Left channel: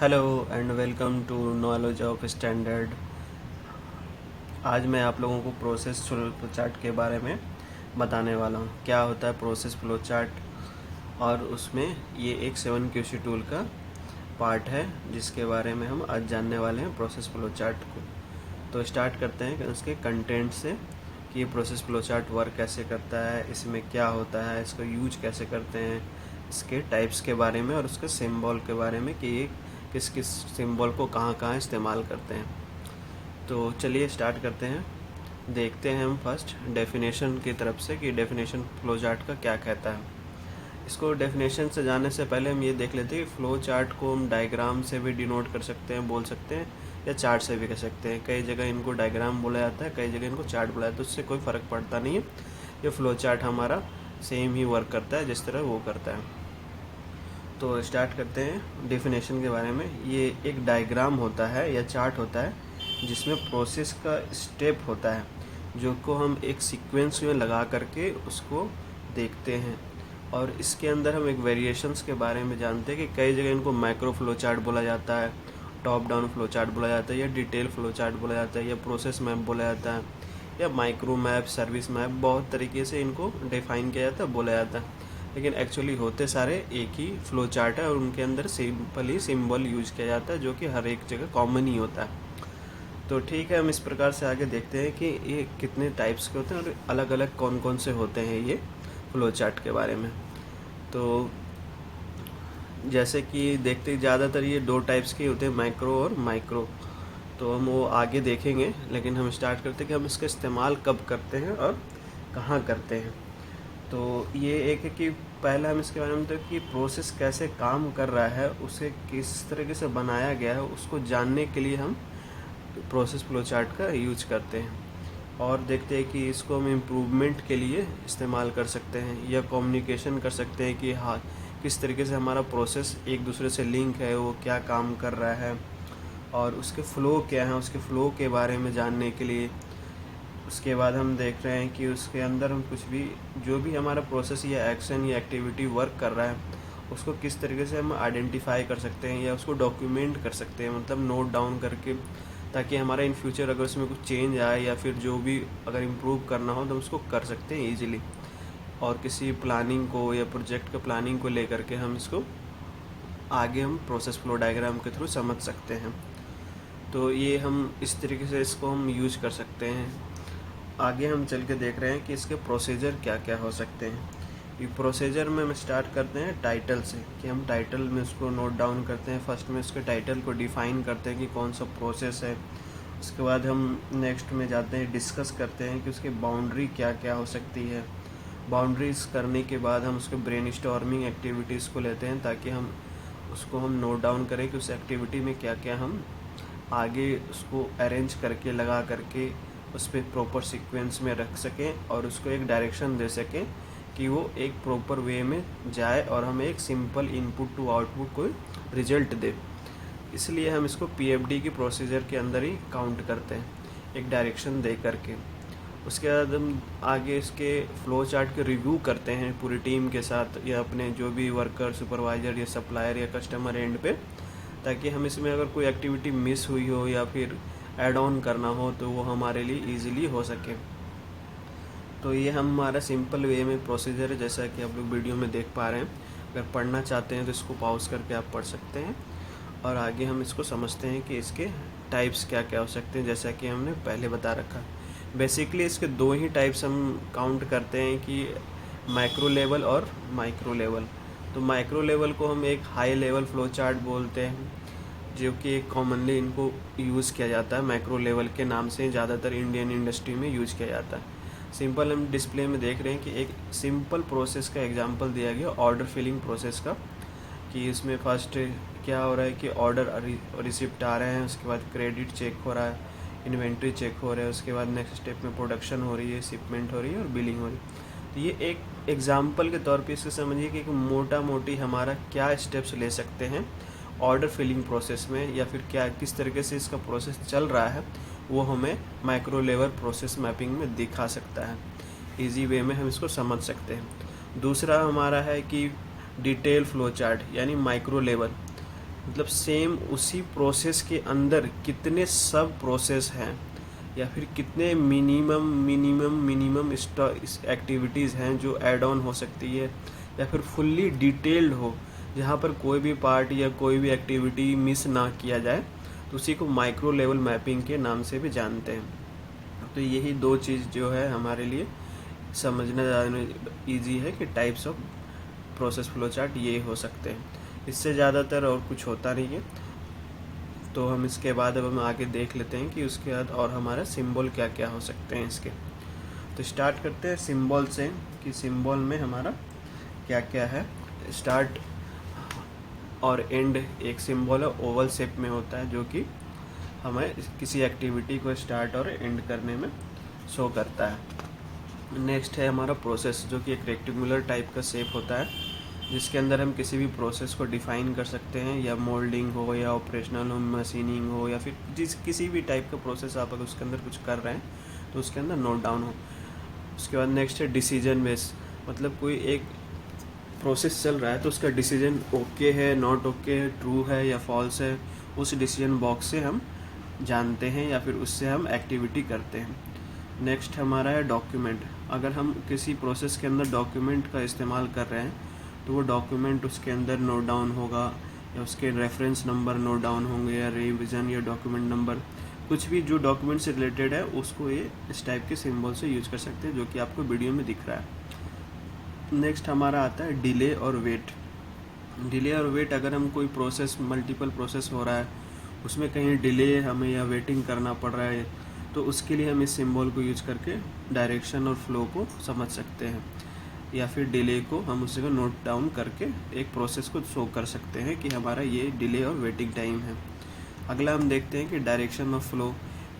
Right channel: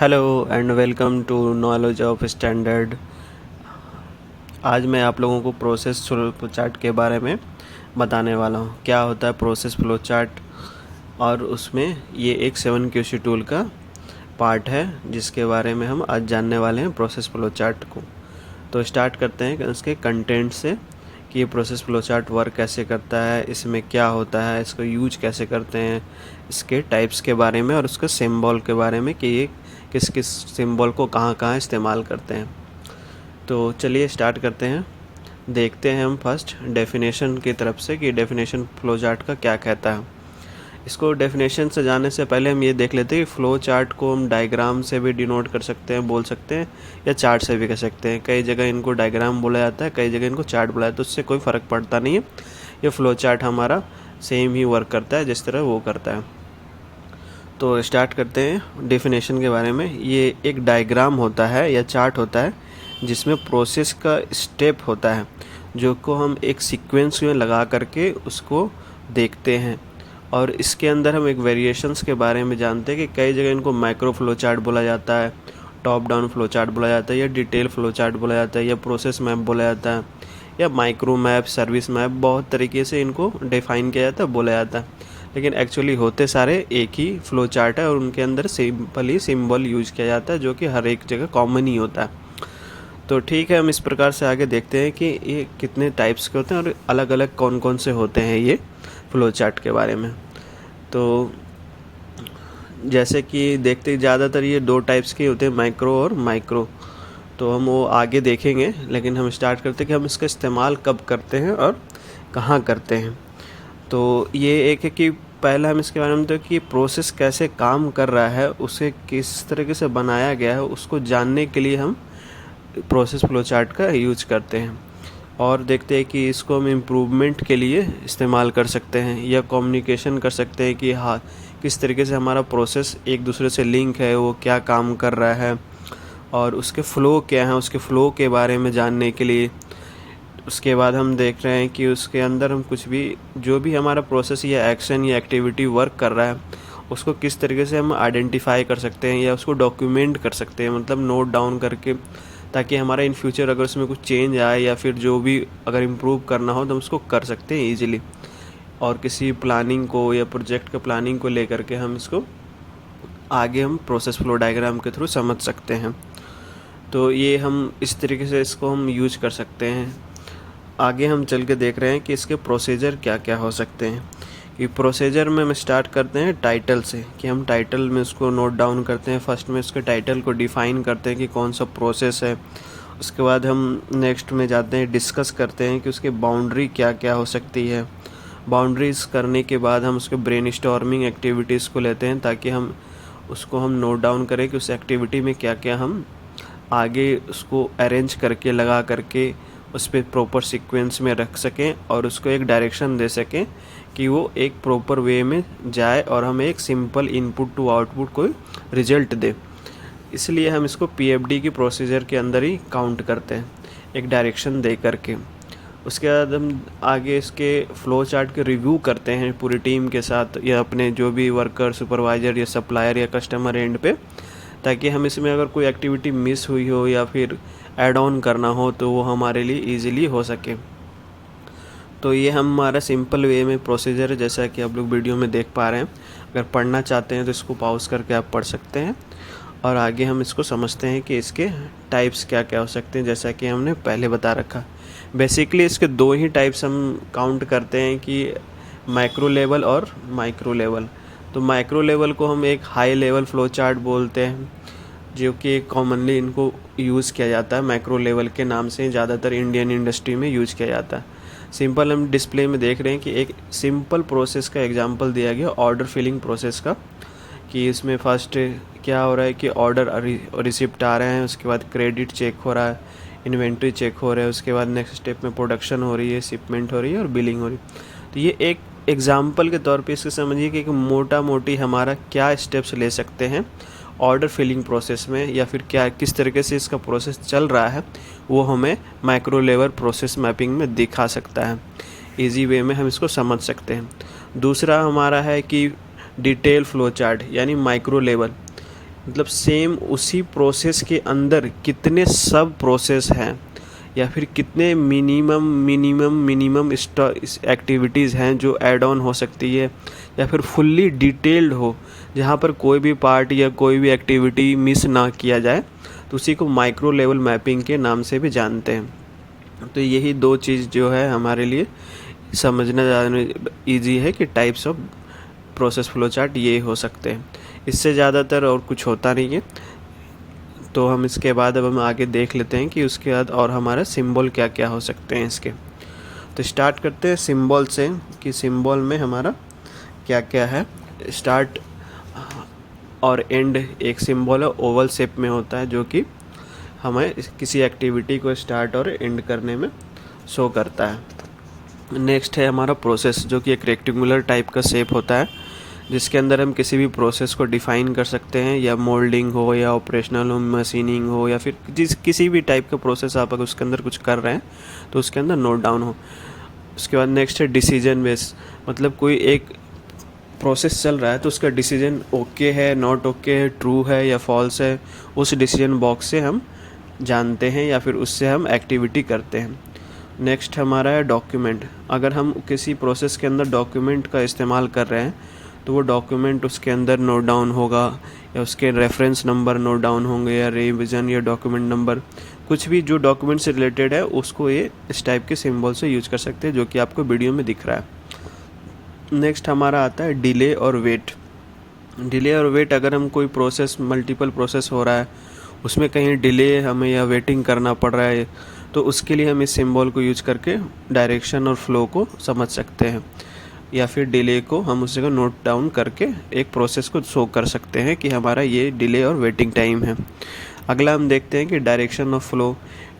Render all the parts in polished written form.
Hello and welcome to knowledge of standard. आज मैं आप लोगों को प्रोसेस फ्लो चार्ट के बारे में बताने वाला हूँ। क्या होता है प्रोसेस फ्लो चार्ट, और उसमें ये एक 7QC टूल का पार्ट है जिसके बारे में हम आज जानने वाले हैं प्रोसेस फ्लो चार्ट को। तो स्टार्ट करते हैं उसके कंटेंट से कि ये प्रोसेस फ्लो चार्ट वर्क कैसे करता है, इसमें क्या होता है, इसको यूज कैसे करते हैं, इसके टाइप्स के बारे में और उसके सिंबल के बारे में कि ये किस किस सिंबल को कहाँ कहाँ इस्तेमाल करते हैं। तो चलिए स्टार्ट करते हैं। देखते हैं हम फर्स्ट डेफिनेशन की तरफ से कि डेफिनेशन फ्लो चार्ट का क्या कहता है। इसको डेफिनेशन से जाने से पहले हम ये देख लेते हैं कि फ़्लो चार्ट को हम डायग्राम से भी डिनोट कर सकते हैं, बोल सकते हैं, या चार्ट से भी कर सकते हैं। कई जगह इनको डायग्राम बोला जाता है, कई जगह इनको चार्ट बोला जाता है, तो उससे कोई फ़र्क पड़ता नहीं है। ये फ़्लो चार्ट हमारा सेम ही वर्क करता है जिस तरह वो करता है। तो स्टार्ट करते हैं डेफिनेशन के बारे में। ये एक डायग्राम होता है या चार्ट होता है जिसमें प्रोसेस का स्टेप होता है जो को हम एक सीक्वेंस में लगा करके उसको देखते हैं। और इसके अंदर हम एक वेरिएशंस के बारे में जानते हैं कि कई जगह इनको माइक्रो फ्लो चार्ट बोला जाता है, टॉप डाउन फ्लो चार्ट बोला जाता है, या डिटेल फ्लो चार्ट बोला जाता है, या प्रोसेस मैप बोला जाता है, या माइक्रो मैप, सर्विस मैप, बहुत तरीके से इनको डिफ़ाइन किया जाता है, बोला जाता है। लेकिन एक्चुअली होते सारे एक ही फ्लो चार्ट है और उनके अंदर सिंपल ही सिंबल यूज किया जाता है जो कि हर एक जगह कॉमन ही होता है। तो ठीक है, हम इस प्रकार से आगे देखते हैं कि ये कितने टाइप्स के होते हैं और अलग अलग कौन कौन से होते हैं ये फ्लो चार्ट के बारे में। तो जैसे कि देखते ज़्यादातर ये दो टाइप्स के होते हैं, माइक्रो और माइक्रो। तो हम वो आगे देखेंगे, लेकिन हम स्टार्ट करते हैं कि हम इसका इस्तेमाल कब करते हैं और कहाँ करते हैं। तो ये एक है कि पहला हम इसके बारे में तो कि प्रोसेस कैसे काम कर रहा है, उसे किस तरीके से बनाया गया है, उसको जानने के लिए हम प्रोसेस फ्लो चार्ट का यूज करते हैं। और देखते हैं कि इसको हम इम्प्रूवमेंट के लिए इस्तेमाल कर सकते हैं या कम्युनिकेशन कर सकते हैं कि हाँ किस तरीके से हमारा प्रोसेस एक दूसरे से लिंक है, वो क्या काम कर रहा है और उसके फ़्लो क्या हैं, उसके फ़्लो के बारे में जानने के लिए। उसके बाद हम देख रहे हैं कि उसके अंदर हम कुछ भी जो भी हमारा प्रोसेस या एक्शन या एक्टिविटी वर्क कर रहा है उसको किस तरीके से हम आइडेंटिफाई कर सकते हैं या उसको डॉक्यूमेंट कर सकते हैं, मतलब नोट डाउन करके, ताकि हमारा इन फ्यूचर अगर उसमें कुछ चेंज आए या फिर जो भी अगर इम्प्रूव करना हो तो हम उसको कर सकते हैं ईजिली। और किसी प्लानिंग को या प्रोजेक्ट के प्लानिंग को लेकर के हम इसको आगे हम प्रोसेस फ्लो डायग्राम के थ्रू समझ सकते हैं। तो ये हम इस तरीके से इसको हम यूज कर सकते हैं। आगे हम चल के देख रहे हैं कि इसके प्रोसीजर क्या क्या हो सकते हैं। कि प्रोसीजर में हम स्टार्ट करते हैं टाइटल से, कि हम टाइटल में उसको नोट डाउन करते हैं। फर्स्ट में उसके टाइटल को डिफ़ाइन करते हैं कि कौन सा प्रोसेस है। उसके बाद हम नेक्स्ट में जाते हैं, डिस्कस करते हैं कि उसकी बाउंड्री क्या क्या हो सकती है। बाउंड्रीज करने के बाद हम उसके ब्रेनस्टॉर्मिंग एक्टिविटीज़ को लेते हैं ताकि हम उसको हम नोट डाउन करें कि उस एक्टिविटी में क्या क्या हम आगे उसको अरेंज करके लगा करके उस पर प्रॉपर सीक्वेंस में रख सकें और उसको एक डायरेक्शन दे सकें कि वो एक प्रॉपर वे में जाए और हमें एक सिंपल इनपुट टू आउटपुट कोई रिजल्ट दे। इसलिए हम इसको पीएफडी की प्रोसीजर के अंदर ही काउंट करते हैं, एक डायरेक्शन दे करके। उसके बाद हम आगे इसके फ़्लो चार्ट के रिव्यू करते हैं पूरी टीम के साथ या अपने जो भी वर्कर, सुपरवाइज़र या सप्लायर या कस्टमर एंड पे, ताकि हम इसमें अगर कोई एक्टिविटी मिस हुई हो या फिर ऐड ऑन करना हो तो वो हमारे लिए इजीली हो सके। तो ये हमारा सिंपल वे में प्रोसीजर है, जैसा कि आप लोग वीडियो में देख पा रहे हैं। अगर पढ़ना चाहते हैं तो इसको पॉज करके आप पढ़ सकते हैं और आगे हम इसको समझते हैं कि इसके टाइप्स क्या क्या हो सकते हैं, जैसा कि हमने पहले बता रखा। बेसिकली इसके दो ही टाइप्स हम काउंट करते हैं कि माइक्रो लेवल और माइक्रो लेवल। तो माइक्रो लेवल को हम एक हाई लेवल फ्लो चार्ट बोलते हैं, जो कि कॉमनली इनको यूज़ किया जाता है। माइक्रो लेवल के नाम से ज़्यादातर इंडियन इंडस्ट्री में यूज किया जाता है। सिंपल हम डिस्प्ले में देख रहे हैं कि एक सिंपल प्रोसेस का एग्जांपल दिया गया, ऑर्डर फिलिंग प्रोसेस का, कि इसमें फर्स्ट क्या हो रहा है कि ऑर्डर रिसिप्ट आ रहे हैं, उसके बाद क्रेडिट चेक हो रहा है, इन्वेंट्री चेक हो रहा है, उसके बाद नेक्स्ट स्टेप में प्रोडक्शन हो रही है, शिपमेंट हो रही है और बिलिंग हो रही है। तो ये एक एग्जांपल के तौर पे इससे समझिए कि मोटा मोटी हमारा क्या स्टेप्स ले सकते हैं ऑर्डर फिलिंग प्रोसेस में, या फिर क्या किस तरीके से इसका प्रोसेस चल रहा है वो हमें माइक्रो लेवल प्रोसेस मैपिंग में दिखा सकता है। इजी वे में हम इसको समझ सकते हैं। दूसरा हमारा है कि डिटेल फ्लो चार्ट यानी माइक्रो लेवल। मतलब सेम उसी प्रोसेस के अंदर कितने सब प्रोसेस हैं या फिर कितने मिनिमम एक्टिविटीज़ हैं जो ऐड ऑन हो सकती है या फिर फुल्ली डिटेल्ड हो, जहाँ पर कोई भी पार्ट या कोई भी एक्टिविटी मिस ना किया जाए, तो उसी को माइक्रो लेवल मैपिंग के नाम से भी जानते हैं। तो यही दो चीज़ जो है हमारे लिए समझना ज़्यादा ईजी है कि types of process flow chart ये हो सकते हैं। इससे ज़्यादातर और कुछ होता नहीं है। तो हम इसके बाद अब हम आगे देख लेते हैं कि उसके बाद और हमारा सिंबल क्या क्या हो सकते हैं इसके। तो स्टार्ट करते हैं सिंबल से कि सिंबल में हमारा क्या क्या है। स्टार्ट और एंड एक सिंबल है, ओवल शेप में होता है, जो कि हमें किसी एक्टिविटी को स्टार्ट और एंड करने में शो करता है। नेक्स्ट है हमारा प्रोसेस, जो कि एक रेक्टेंगुलर टाइप का शेप होता है, जिसके अंदर हम किसी भी प्रोसेस को डिफ़ाइन कर सकते हैं, या मोल्डिंग हो या ऑपरेशनल हो, मशीनिंग हो, या फिर किसी भी टाइप का प्रोसेस आप अगर उसके अंदर कुछ कर रहे हैं तो उसके अंदर नोट डाउन हो। उसके बाद नेक्स्ट है डिसीजन बेस, मतलब कोई एक प्रोसेस चल रहा है तो उसका डिसीजन ओके है, नॉट ओके है, ट्रू है या फॉल्स है, उस डिसीजन बॉक्स से हम जानते हैं या फिर उससे हम एक्टिविटी करते हैं। नेक्स्ट हमारा है डॉक्यूमेंट। अगर हम किसी प्रोसेस के अंदर डॉक्यूमेंट का इस्तेमाल कर रहे हैं तो वो डॉक्यूमेंट उसके अंदर नोट डाउन होगा, या उसके रेफरेंस नंबर नोट डाउन होंगे, या रिवीजन या डॉक्यूमेंट नंबर, कुछ भी जो डॉक्यूमेंट से रिलेटेड है उसको ये इस टाइप के सिंबल से यूज कर सकते हैं, जो कि आपको वीडियो में दिख रहा है। नेक्स्ट हमारा आता है डिले और वेट। डिले और वेट, अगर हम कोई प्रोसेस मल्टीपल प्रोसेस हो रहा है, उसमें कहीं डिले हमें या वेटिंग करना पड़ रहा है, तो उसके लिए हम इस सिंबल को यूज करके डायरेक्शन और फ्लो को समझ सकते हैं, या फिर डिले को हम उसी को नोट डाउन करके एक प्रोसेस को शो कर सकते हैं कि हमारा ये डिले और वेटिंग टाइम है। अगला हम देखते हैं कि डायरेक्शन ऑफ फ्लो।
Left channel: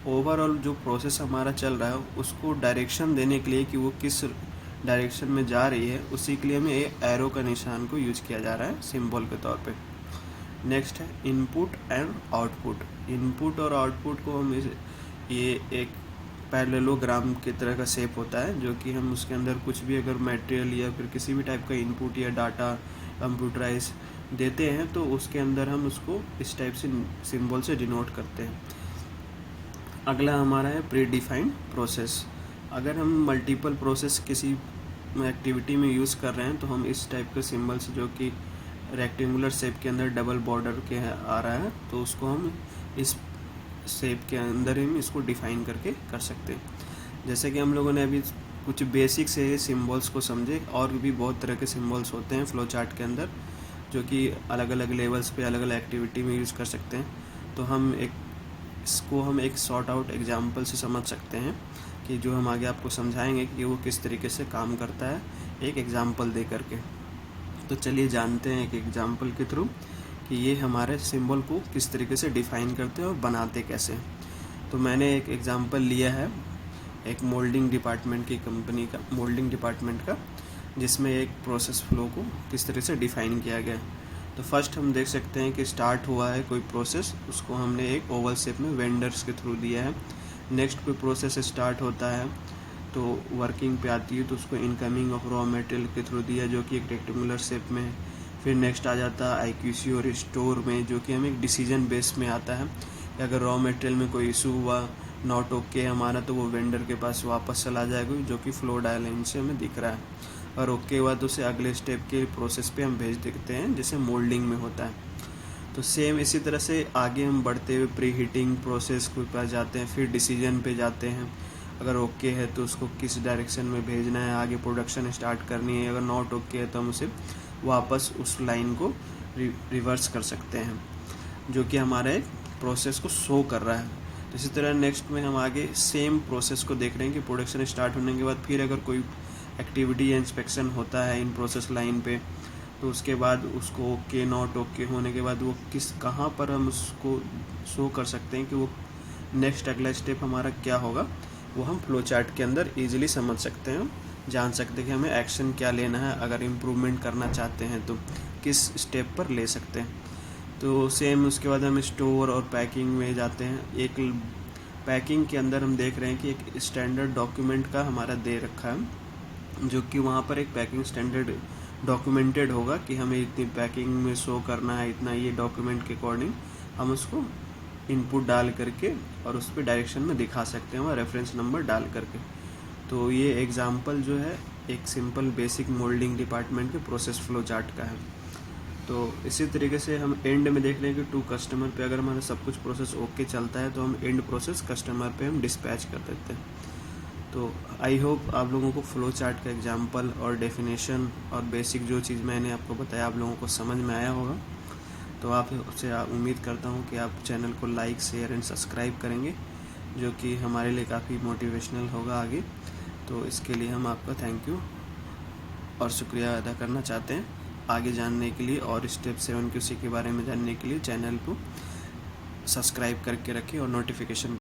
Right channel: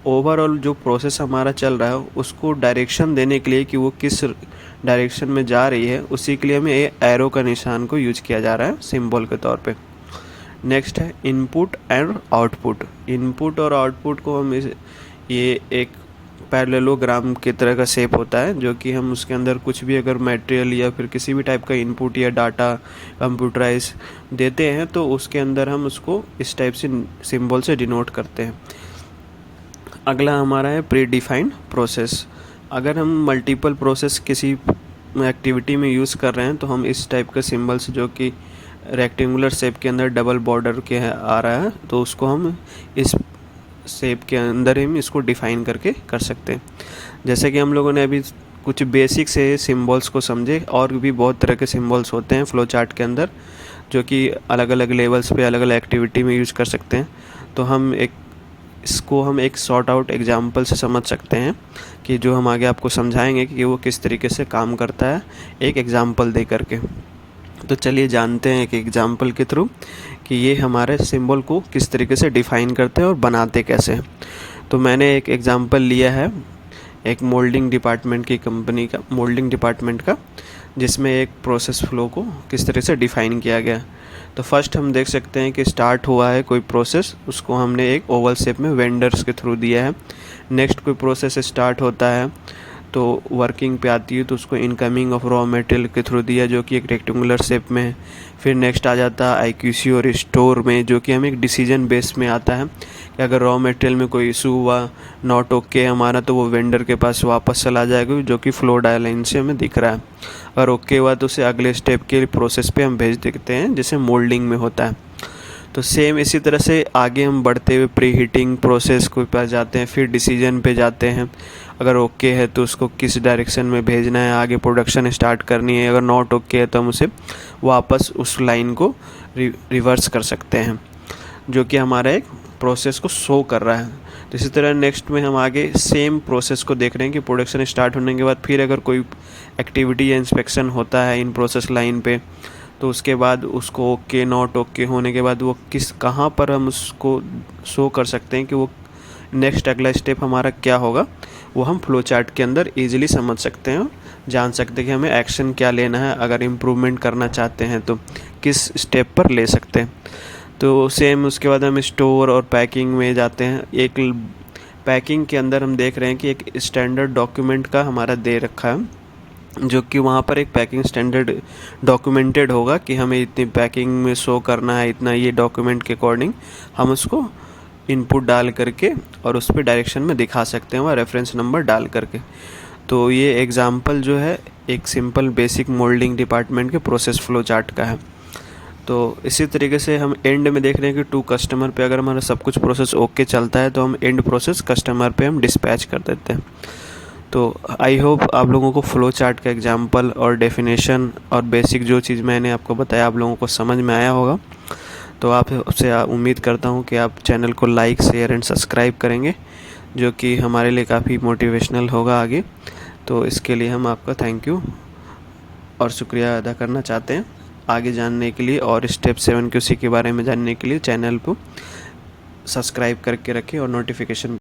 ओवरऑल जो प्रोसेस हमारा चल रहा है उसको डायरेक्शन देने के लिए कि वो किस डायरेक्शन में जा रही है, उसी के लिए हमें ये एरो का निशान को यूज किया जा रहा है सिंबल के तौर पे। नेक्स्ट है इनपुट एंड आउटपुट। इनपुट और आउटपुट को हम ये एक पैरेललोग्राम की तरह का शेप होता है, जो कि हम उसके अंदर कुछ भी अगर मटेरियल या फिर किसी भी टाइप का इनपुट या डाटा कंप्यूटराइज देते हैं तो उसके अंदर हम उसको इस टाइप से सिंबल से डिनोट करते हैं। अगला हमारा है प्री डिफाइंड प्रोसेस। अगर हम मल्टीपल प्रोसेस किसी एक्टिविटी में यूज़ कर रहे हैं तो हम इस टाइप का सिंबल्स, जो कि रेक्टेंगुलर शेप के अंदर डबल बॉर्डर के आ रहा है, तो उसको हम इस शेप के अंदर हम इसको डिफ़ाइन करके कर सकते हैं। जैसे कि हम लोगों ने अभी कुछ बेसिक से सिंबल्स को समझे, और भी बहुत तरह के सिंबल्स होते हैं फ्लो चार्ट के अंदर, जो कि अलग अलग लेवल्स पे अलग अलग एक्टिविटी में यूज़ कर सकते हैं। तो हम एक सॉर्ट आउट एग्जांपल से समझ सकते हैं, कि जो हम आगे आपको समझाएंगे कि वो किस तरीके से काम करता है एक एग्जांपल दे करके। तो चलिए जानते हैं एक एग्जांपल के थ्रू कि ये हमारे सिंबल को किस तरीके से डिफ़ाइन करते हैं और बनाते कैसे हैं। तो मैंने एक एग्जांपल लिया है एक मोल्डिंग डिपार्टमेंट की कंपनी का, मोल्डिंग डिपार्टमेंट का, जिसमें एक प्रोसेस फ्लो को किस तरह से डिफ़ाइन किया गया। तो फर्स्ट हम देख सकते हैं कि स्टार्ट हुआ है कोई प्रोसेस, उसको हमने एक ओवल शेप में वेंडर्स के थ्रू दिया है। नेक्स्ट कोई प्रोसेस स्टार्ट होता है तो वर्किंग पे आती है तो उसको इनकमिंग ऑफ रॉ मटेरियल के थ्रू दिया, जो कि एक रेक्टेंगुलर शेप में है। फिर नेक्स्ट आ जाता है IQC और स्टोर में, जो कि हमें एक डिसीजन बेस में आता है कि अगर रॉ मटेरियल में कोई इशू हुआ, नॉट ओके हमारा, तो वो वेंडर के पास वापस चला जाएगा, जो कि फ्लो डायलाइन से हमें दिख रहा है। अगर ओके हुआ तो उसे अगले स्टेप के प्रोसेस पे हम भेज देते हैं, जैसे मोल्डिंग में होता है। तो सेम इसी तरह से आगे हम बढ़ते हुए प्री हीटिंग प्रोसेस के पास जाते हैं, फिर डिसीजन पे जाते हैं। अगर ओके है तो उसको किस डायरेक्शन में भेजना है, आगे प्रोडक्शन स्टार्ट करनी है। अगर नॉट ओके है तो हम उसे वापस उस लाइन को रिवर्स कर सकते हैं, जो कि हमारा एक प्रोसेस को शो कर रहा है। तो इसी तरह नेक्स्ट में हम आगे सेम प्रोसेस को देख रहे हैं कि प्रोडक्शन स्टार्ट होने के बाद फिर अगर कोई एक्टिविटी या इंस्पेक्शन होता है इन प्रोसेस लाइन पे, तो उसके बाद उसको ओके नॉट ओके होने के बाद वो कहाँ पर हम उसको शो कर सकते हैं कि वो नेक्स्ट अगला स्टेप हमारा क्या होगा, वो हम फ्लो चार्ट के अंदर इजीली समझ सकते हैं, जान सकते हैं कि हमें एक्शन क्या लेना है, अगर इम्प्रूवमेंट करना चाहते हैं तो किस स्टेप पर ले सकते हैं। तो सेम उसके बाद हम स्टोर और पैकिंग में जाते हैं। एक पैकिंग के अंदर हम देख रहे हैं कि एक स्टैंडर्ड डॉक्यूमेंट का हमारा दे रखा है, जो कि वहाँ पर एक पैकिंग स्टैंडर्ड डॉक्यूमेंटेड होगा कि हमें इतनी पैकिंग में शो करना है, इतना ये डॉक्यूमेंट के अकॉर्डिंग हम उसको इनपुट डाल करके और उस पर डायरेक्शन में दिखा सकते हैं, वह रेफरेंस नंबर डाल करके। तो ये एग्ज़ाम्पल जो है एक सिंपल बेसिक मोल्डिंग डिपार्टमेंट के प्रोसेस फ्लो चार्ट का है। तो इसी तरीके से हम एंड में देख रहे हैं कि टू कस्टमर पे अगर हमारा सब कुछ प्रोसेस ओके चलता है तो हम एंड प्रोसेस कस्टमर पे हम डिस्पैच कर देते हैं। तो आई होप आप लोगों को फ्लो चार्ट का एग्जांपल और डेफिनेशन और बेसिक जो चीज़ मैंने आपको बताया आप लोगों को समझ में आया होगा। तो आपसे उम्मीद करता हूँ कि आप चैनल को लाइक शेयर एंड सब्सक्राइब करेंगे, जो कि हमारे लिए काफ़ी मोटिवेशनल होगा आगे। तो इसके लिए हम आपका थैंक यू और शुक्रिया अदा करना चाहते हैं। आगे जानने के लिए और स्टेप 7 QC के बारे में जानने के लिए चैनल को सब्सक्राइब करके रखें और नोटिफिकेशन